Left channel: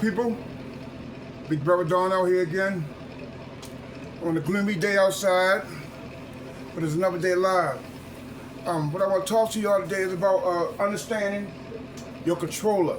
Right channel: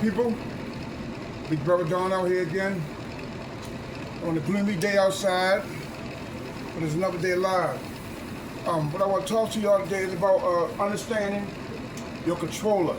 people, Big Brother Don out here again on the gloomy day outside, but it's another day alive. What I want to talk to y'all today is about understanding your controller.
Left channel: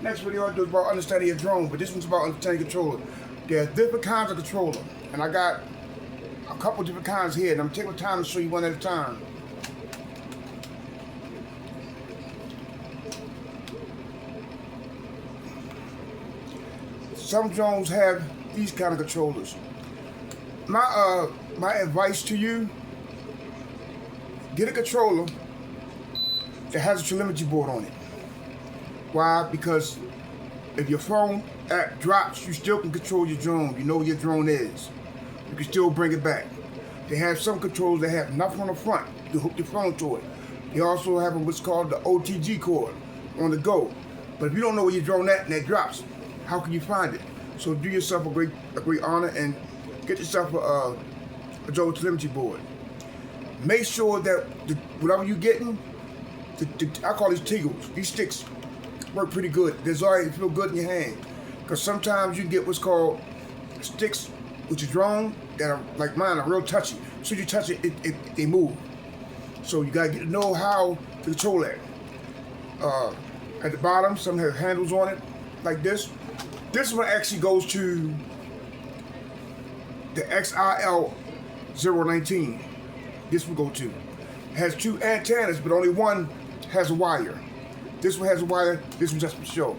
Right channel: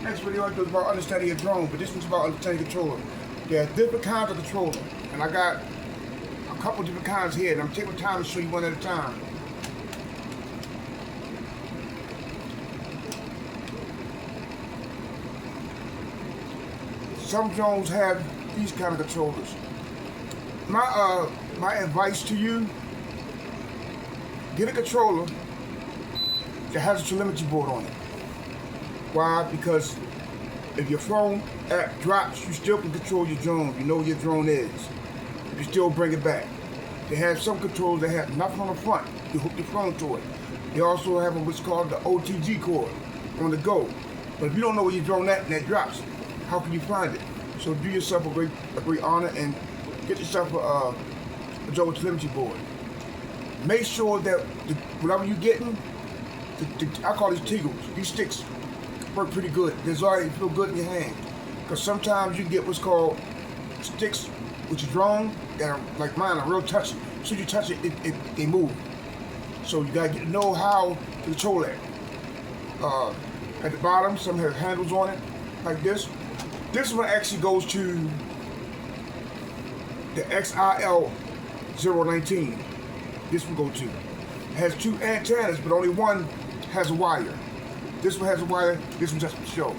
Next video I do is about understanding your drone, but this one's about understanding your controller. There are different kinds of controller, and I got a couple different kinds here, and I'm taking time to show you one at a time. Some drones have these kind of controllers. My advice to you, get a controller that has a telemetry board on it. Why? Because if your phone app drops, you still can control your drone. You know where your drone is. You can still bring it back. They have some controllers that have nothing on the front. You can hook your phone to it. They also have what's called the OTG cord on the go. But if you don't know where your drone at and that drops, how can you find it? So do yourself a great honor and get yourself a drone telemetry board. Make sure that whatever you're getting, I call these Teagles. These sticks work pretty good. They already feel good in your hand. Because sometimes you get what's called sticks with your drone that are like mine, are real touchy. So you touch it, they move. So you gotta get to know how to control that. At the bottom, some have handles on it, like this. This one actually goes to the XIL 019. This one go to. It has two antennas, but only one has a wire. This one has a wire, this one just for show.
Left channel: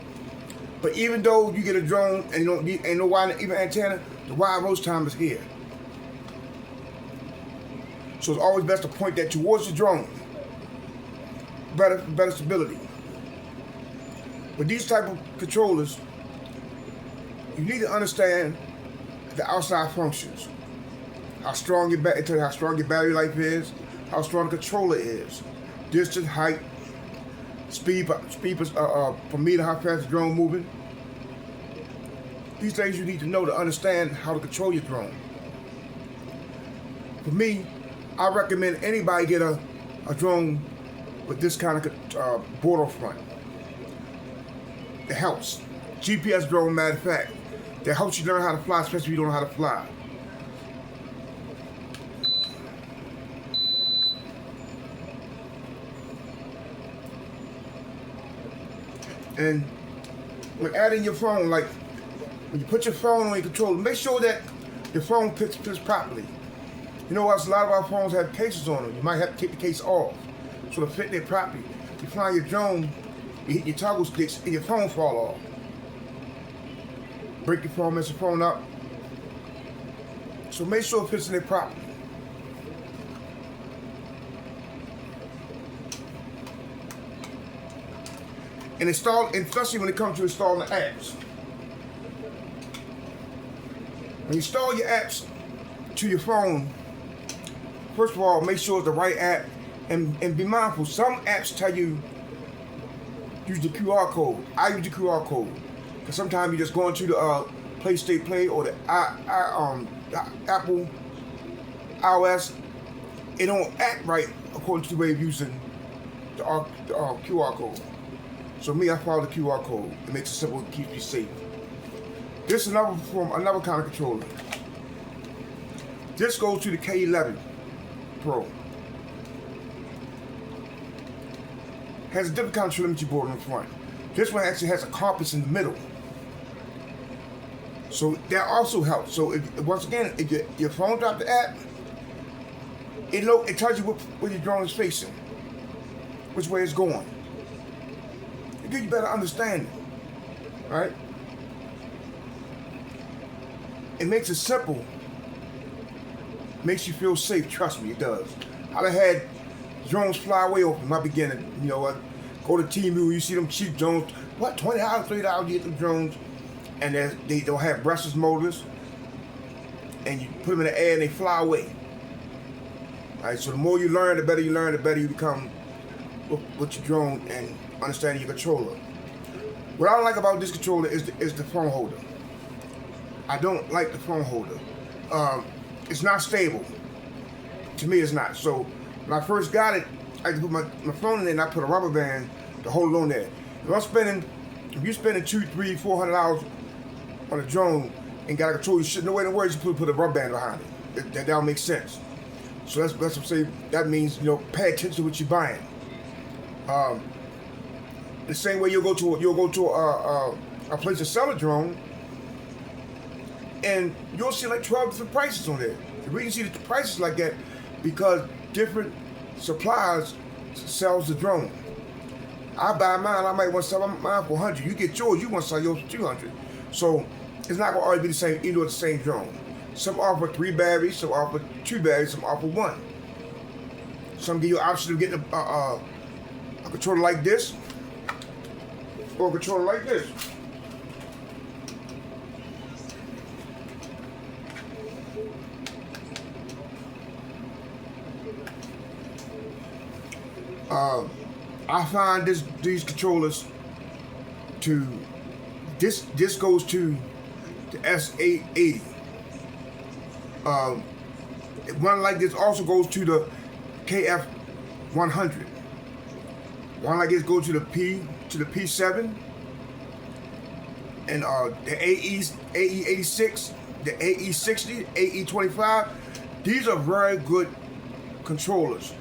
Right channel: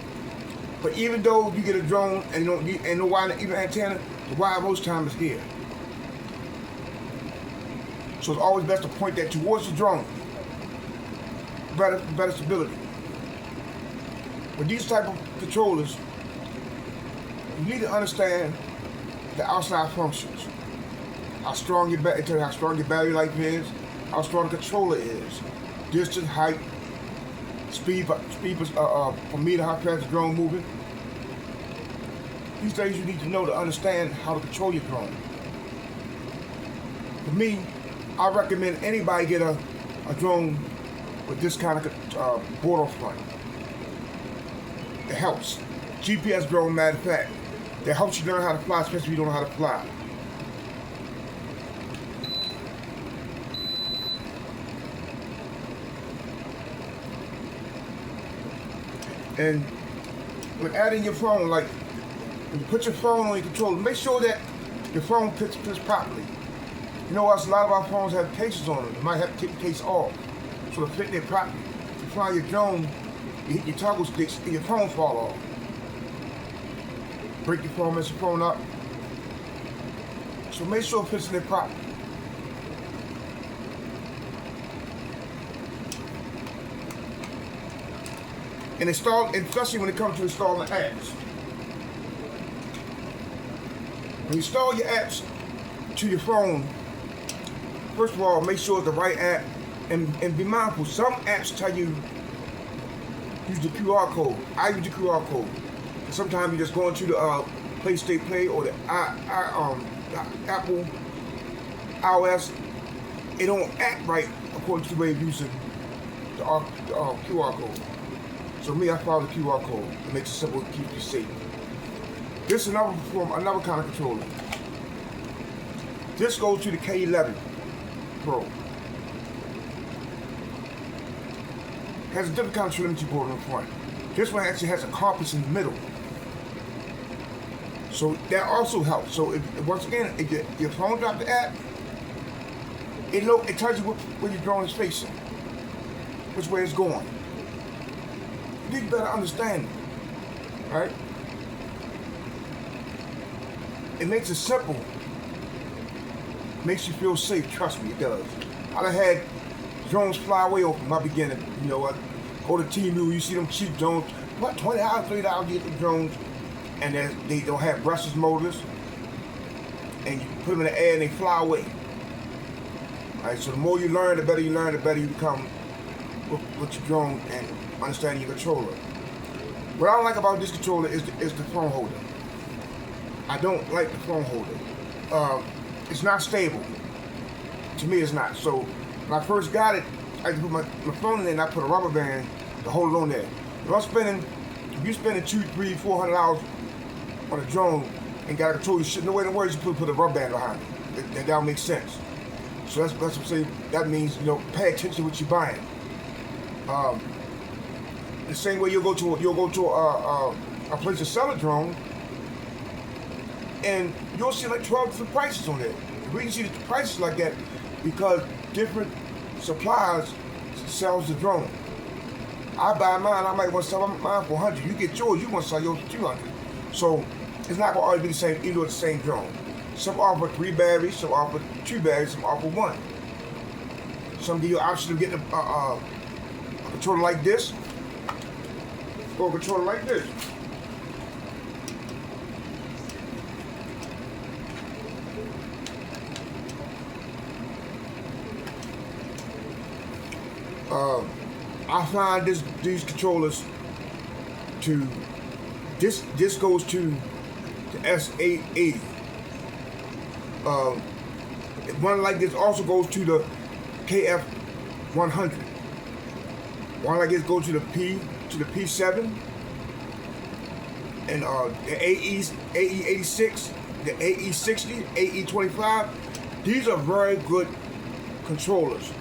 But even though you get a drone and you don't need no wire, even antenna, the wire most times is here. So it's always best to point that towards the drone. Better stability. With these type of controllers, you need to understand the outside functions. How strong your battery life is, how strong the controller is, distance, height, speed per meter, how fast the drone moving. These things you need to know to understand how to control your drone. For me, I recommend anybody get a drone with this kind of board on front. It helps. GPS drone, matter of fact, that helps you learn how to fly, especially if you don't know how to fly. And when adding your phone, like when you put your phone on your controller, make sure that your phone fits properly. You know what? A lot of our phones have cases on them. You might have to take the case off so to fit there properly. If you fly your drone, you hit your toggle sticks and your phone fall off. Break your phone, mess your phone up. So make sure it fits in there properly. And especially when it comes to installing apps. When you install your apps to your phone, first of all, make sure it's the right app and be mindful. Some apps tell you use the QR code. I use the QR code. And sometimes you just go into the Play State Play or the Apple iOS. It don't act right according to the way of using the QR code. So me, I follow the QR code. It makes it simple to keep you safe. This is another kind of controller. This goes to the K11 Pro. Has a different kind of telemetry board on the front. This one actually has a compass in the middle. So that also helps. So once again, if your phone drops the app, it tells you where your drone is facing, which way it's going. You need better understanding, right? It makes it simple. Makes you feel safe. Trust me, it does. I've had drones fly away over my beginning. You know what? Go to Temu, you see them cheap drones. What, $20, $30 you get the drones, and they don't have brushless motors, and you put them in the air and they fly away. All right. So the more you learn, the better you become with your drone and understanding your controller. What I don't like about this controller is the phone holder. I don't like the phone holder. It's not stable. To me, it's not. So when I first got it, I could put my phone in there and I put a rubber band to hold it on there. If I'm spending if you're spending $200, $300, $400 on a drone and got to control your shit, no way in the world you put a rubber band behind it. That'll make sense. So that's what I'm saying. That means, pay attention to what you're buying. The same way you'll go to a place to sell a drone, and you'll see like 12 different prices on there. The reason you see the prices like that because different suppliers sells the drone. I buy mine, I might want to sell mine for 100. You get yours, you want to sell yours for 200. So it's not going to always be the same, even though it's the same drone. Some offer 3 batteries, some offer 2 batteries, some offer 1. Some give you the option of getting a controller like this or a controller like this. I find these controllers this goes to the S880. One like this also goes to the KF100. One like this goes to the P7 and the AE86, the AE60, AE25. These are very good controllers,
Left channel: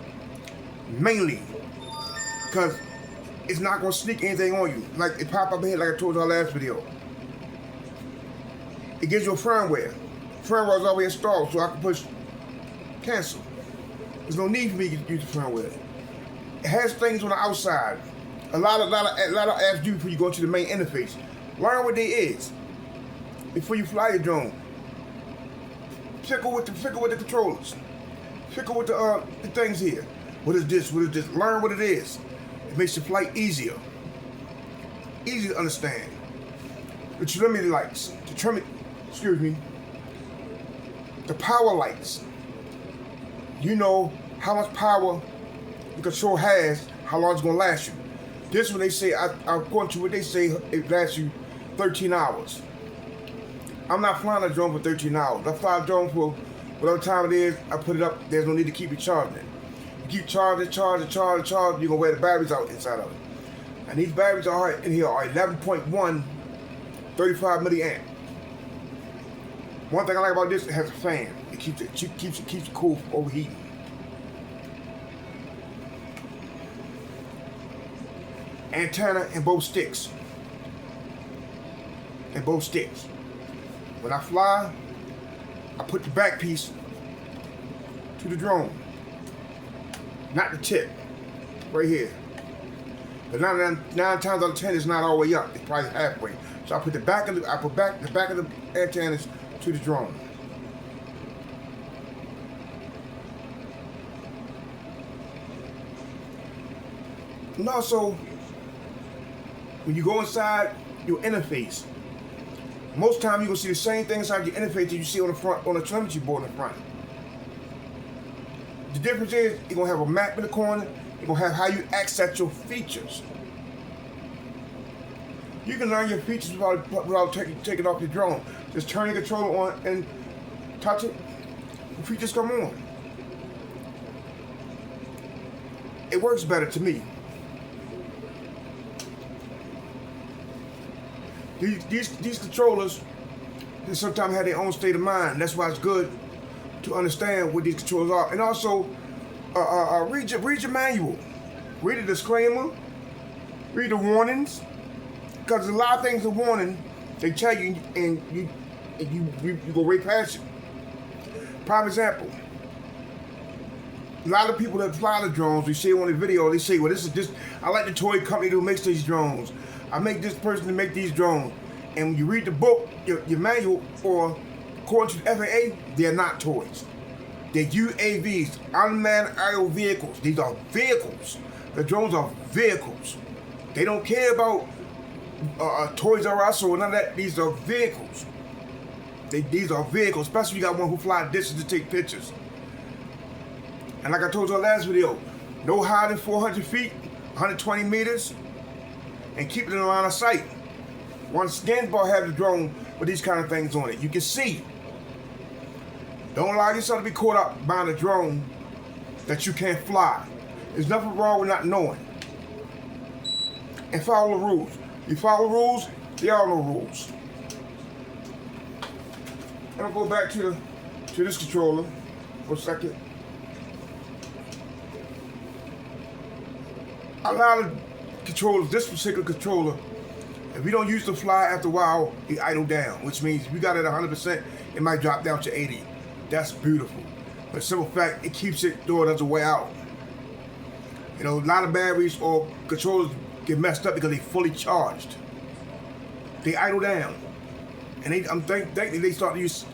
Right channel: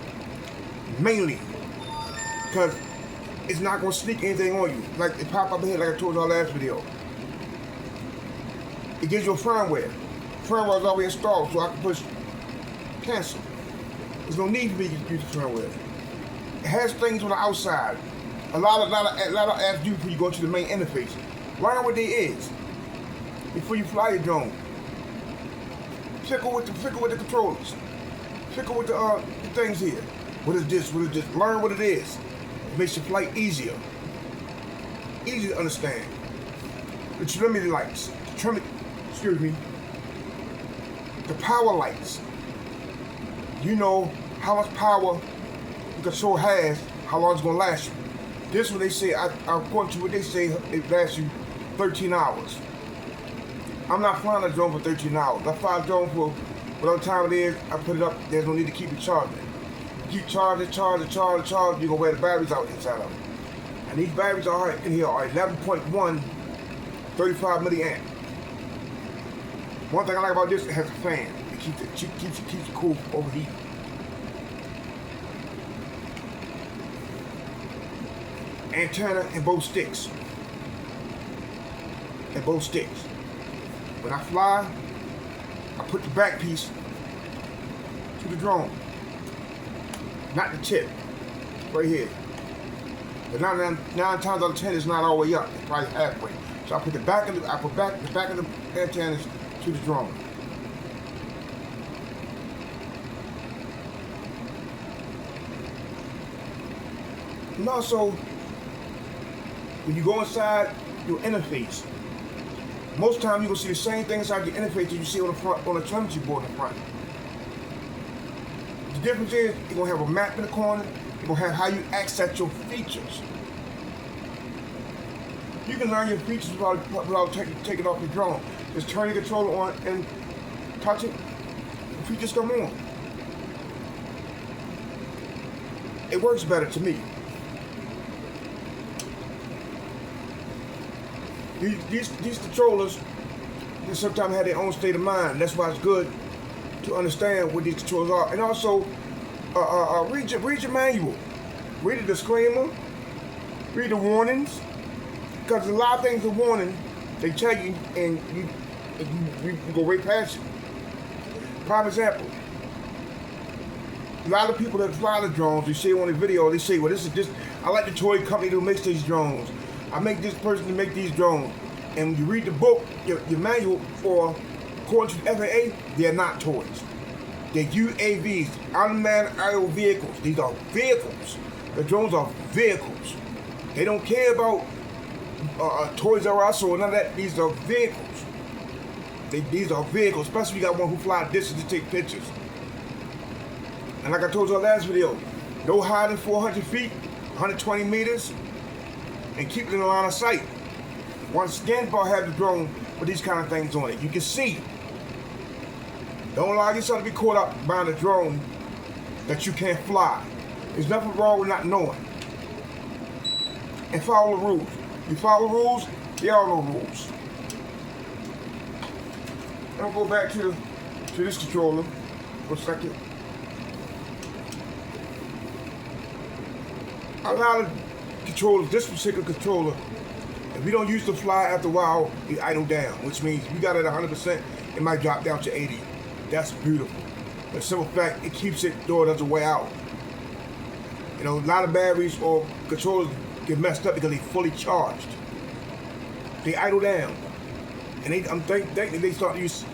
mainly because it's not going to sneak anything on you. Like it pop up here, like I told you in our last video. It gives you a firmware. Firmware is already installed, so I can push cancel. There's no need for me to use the firmware. It has things on the outside. A lot of apps do before you go to the main interface. Learn what they is before you fly your drone. Fickle with the controllers. Fickle with the things here. What is this? What is this? Learn what it is. It makes your flight easier. Easy to understand. The telemetry lights. The power lights. You know how much power the control has, how long it's going to last you. This one they say, according to what they say, it lasts you 13 hours. I'm not flying a drone for 13 hours. I fly a drone for whatever time it is, I put it up, there's no need to keep it charging. You keep charging, you're going to wear the batteries out inside of it. And these batteries in here are 11.1, 35 milliamp. One thing I like about this, it has a fan. It keeps it cool from overheating. Antenna and both sticks. When I fly, I put the back piece to the drone, not the tip, right here. But 9 times out of 10, it's not all the way up. It's probably halfway. So I put the back of the antennas to the drone. And also, when you go inside your interface, most times you're gonna see the same thing inside your interface that you see on the front, on the telemetry board in the front. The difference is you're gonna have a map in the corner. You're gonna have how you access your features. You can learn your features without taking off your drone. Just turn your controller on and touch it. The features come on. It works better to me. These controllers, they sometimes have their own state of mind. That's why it's good to understand what these controllers are. And also, read your manual. Read the disclaimer. Read the warnings. Because a lot of things are warning, they tell you, and you go right past it. Prime example. A lot of people that fly the drones, they say on the video, they say, well, I like the toy company that makes these drones. I make this person to make these drones. And when you read the book, your manual, or according to the FAA, they're not toys. They're UAVs, unmanned aerial vehicles. These are vehicles. The drones are vehicles. They don't care about Toys R Us or none of that. These are vehicles. These are vehicles, especially if you got one who fly distance to take pictures. And like I told you in the last video, no higher than 400 feet, 120 meters, and keep it in the line of sight. One scan bar has the drone with these kind of things on it. You can see. Don't allow yourself to be caught up behind a drone that you can't fly. There's nothing wrong with not knowing. And follow the rules. You follow rules, there are no rules. I'm gonna go back to this controller for a second. A lot of controllers, this particular controller, if you don't use the fly after a while, it idle down, which means if you got it at 100%, it might drop down to 80. That's beautiful. But simple fact, it keeps it though it doesn't wear out. You know, a lot of batteries or controllers get messed up because they're fully charged. They idle down. And I'm thinking they start to use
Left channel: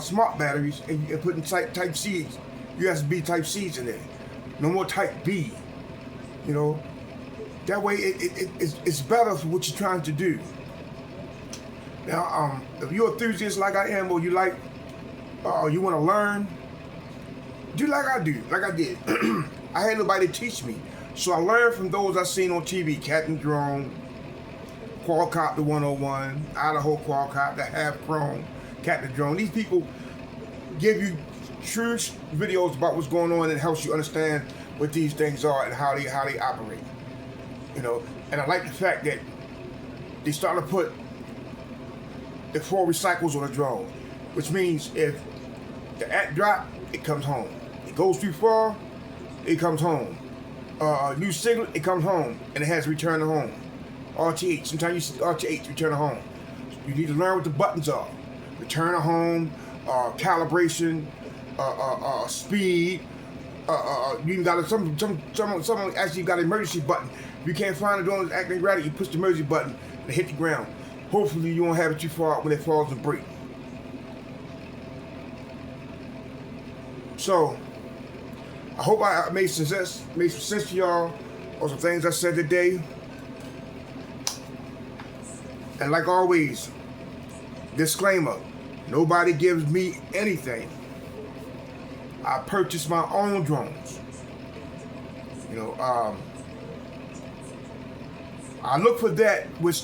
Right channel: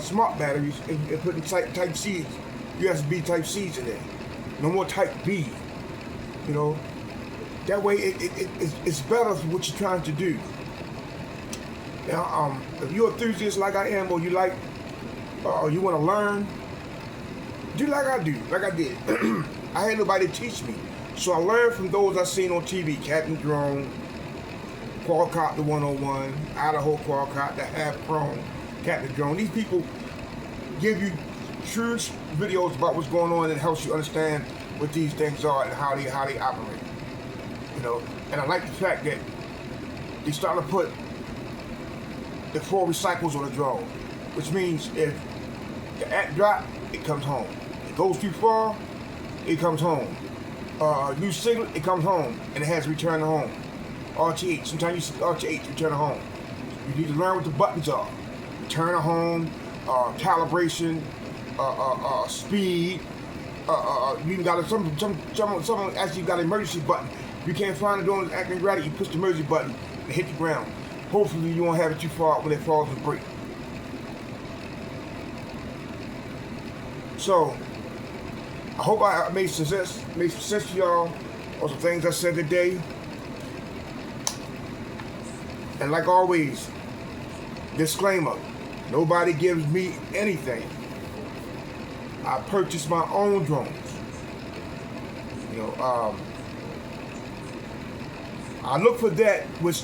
smart batteries and putting type C's, USB type C's in there. No more type B. You know, that way it's better for what you're trying to do. Now, if you're an enthusiast like I am, or you like, you want to learn, do like I do, like I did. I had nobody teach me, so I learned from those I seen on TV: Captain Drone, Quadcopter 101, Idaho Quadcopter, Half Chrome, Captain Drone. These people give you true videos about what's going on and helps you understand what these things are and how they operate. You know, and I like the fact that they start to put the 4 recycles on the drone, which means if the act drop, it comes home. It goes too far, it comes home. New signal, it comes home, and it has to return to home. RTH, sometimes you see RTH, return to home. You need to learn what the buttons are. Return to home, calibration, speed. You even got some actually got an emergency button. If you can't find it on the acting ready, you push the emergency button and hit the ground. Hopefully you won't have it too far when it falls and breaks. So, I hope I made some sense to y'all on some things I said today. And like always, disclaimer, nobody gives me anything. I purchased my own drones. You know, I look for that which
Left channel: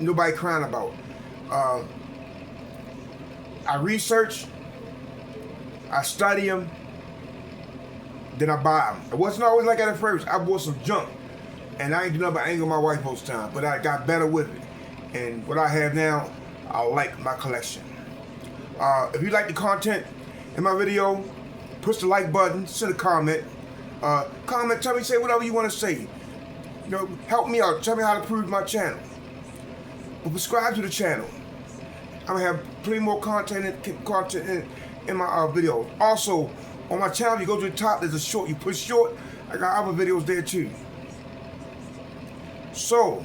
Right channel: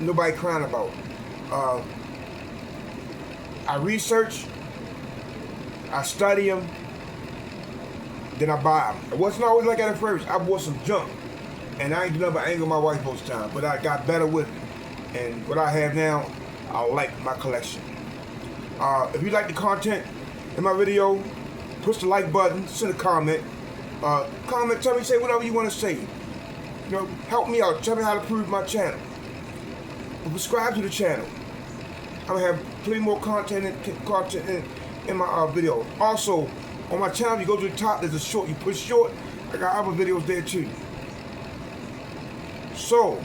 nobody crying about. I research, I study them, then I buy them. It wasn't always like that at first. I bought some junk, and I ain't do nothing but anger my wife most time, but I got better with it. And what I have now, I like my collection. If you like the content in my video, push the like button, send a comment. Comment, tell me, say whatever you want to say. You know, help me out, tell me how to improve my channel. But subscribe to the channel. I'm gonna have plenty more content in my video. Also, on my channel, you go to the top, there's a short. You push short, I got other videos there too. So,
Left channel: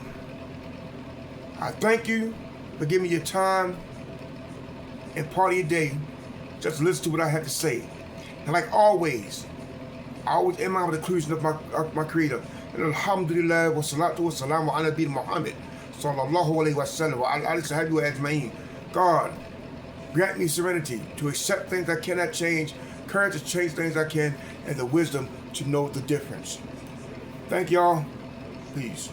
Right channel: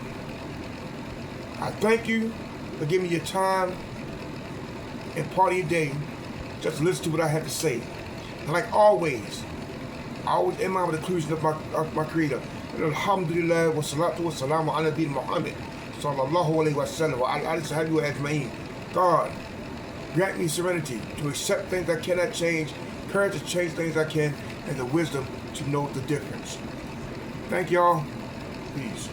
I thank you for giving me your time and part of your day just to listen to what I have to say. And like always, I always end my with the conclusion of my creator. Alhamdulillah wa salatu wa salam wa ala nabiyyina Muhammad sallallahu alayhi wa sallam wa ala alihi wa sahbihi ajma'in. God, grant me serenity to accept things I cannot change, courage to change things I can, and the wisdom to know the difference. Thank y'all. Peace.